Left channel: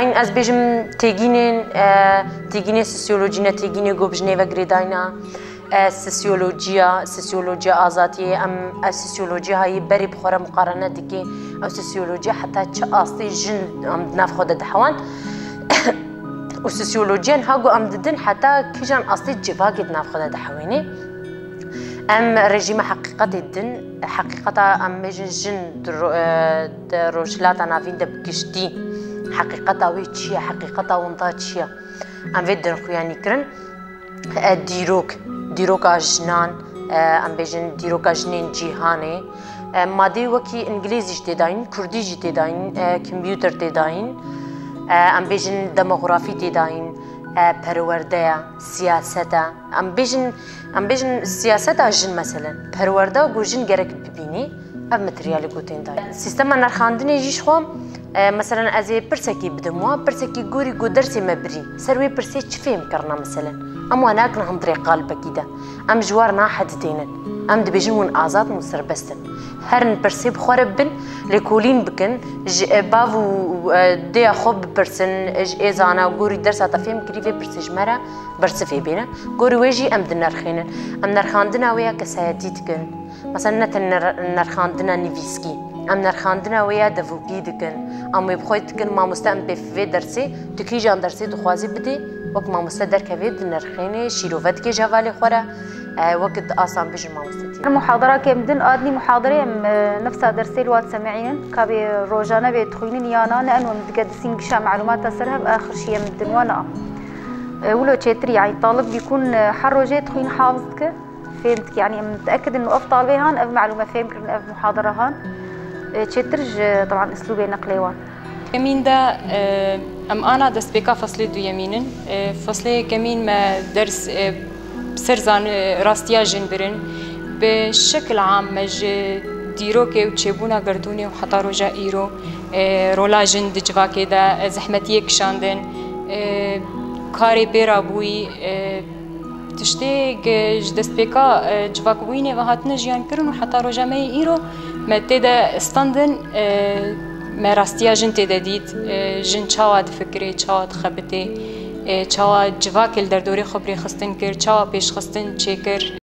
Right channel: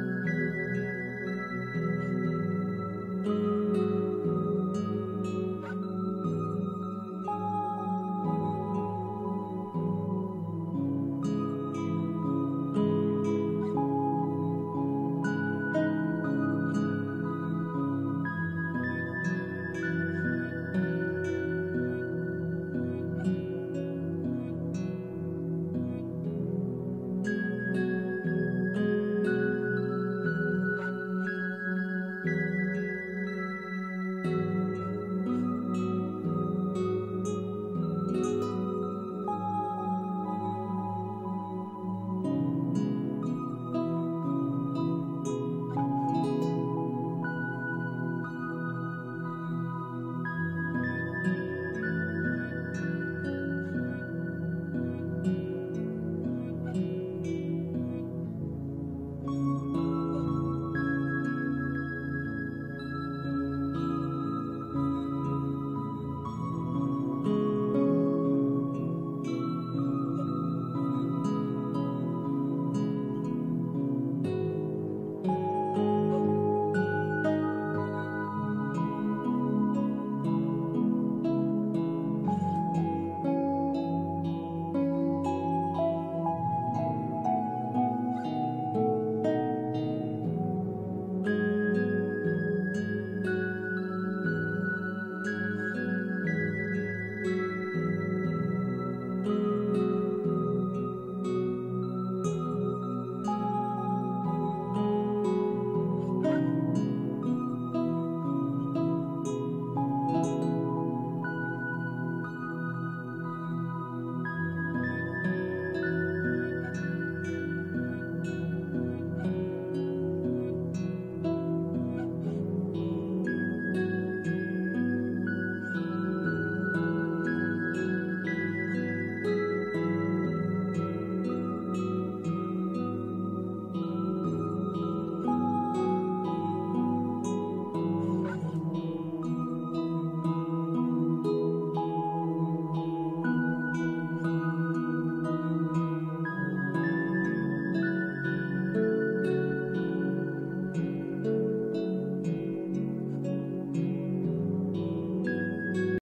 داين از بيجم تيجينين سوسيولوجينا تيجيني جوبجني وغريداينا سوسيولوجيا آزادية ام سوسيولوجيا هاي بري بخورة مقارنة دكي او سوسيولوجيا حتى تشاستي جن ام ناف خود دحوان وسوسيولوجيا هاغو ام ددن حتى كيجان اصلي جفاقت ناف خود دحويني ام رجيم حقيقة الدن حقيقة ام جن روشلاتا نافين دبكشتي حقيقة وي تشيا حقيقة ونطا تشيا ام فيدن خوياني كرن دیروک آجنان ام بیشن دیروک آجنین جهانی مادی وکی انگلیسی جت داین کردی جت داین کامپیوتر جت داین ام بیشن دموگرافی جت داین پرورده سیاست ام بیشن سیاست آجن مثلا پرورده و گوجن گرک ببینی اب متریالی گوتین داین سیستم نرخاندنی جیش خوام مثلا از پرسکی بدموا پرسکی گوری گودرسی مبری سروی پرسی چفیم کرنا مثلا ام وناكنا هم طريق قلبك كده ام جوارنا حد دينن ام دبيجون آزاد مسربستن هرن برسيب خربن لكولين بكن بافو دي خوب برسن ازانا غوري درس اتفهم كريفي برسج مرا برسفي بينا غوري ويجي ام دنرخينن ام نرخاندنا ويا كسياتيتكن مثلا نرخاندنا نيفيسكي ام نرخاندنا ويا دفوبي دكن ام بخويتكن ما مستم في درسي تكيجان درسي تخوازي بدي وقت ما مستدر كبير نرخيني شيروفات كي جوالي خورا وقت اصلا بيجي ما مستدي المحاضره كمدن ادني محاضره نفسها درسي الواد سمعين كابي روجانا بيدخلين يانا لانه متقدسين كشا معلومات سرها باخر شيء مدن وانا ولو تشتري يعني طالب بيكون حروجه تخين حافظك فهمتك يعني متاكد انه افضل بهان اف معلومه فهمك اف محاضره هان تشترج طبعا اسلوبي نقليوان يمين ده ام انا دست بكا فصلي دو يمينن فصلي كمين ما درس بسرزان راستيا جنبرن بشكل عام مج ديروكي وتشيبونا قردوني وحتى رجا ايرو رولا جن دجواكي ده زحمتيه كشاندن كاري بيرا بوي تشتي دست بكا جواكويني وهاتن جيان كرن وحتى رجا مي ايرو ما تدا استندن ما راستيا جن تداديد جن چاواد فکری چاواد خبته چاواد جواکل در دوری خبری خستن کر چاواد پیش خستن چکر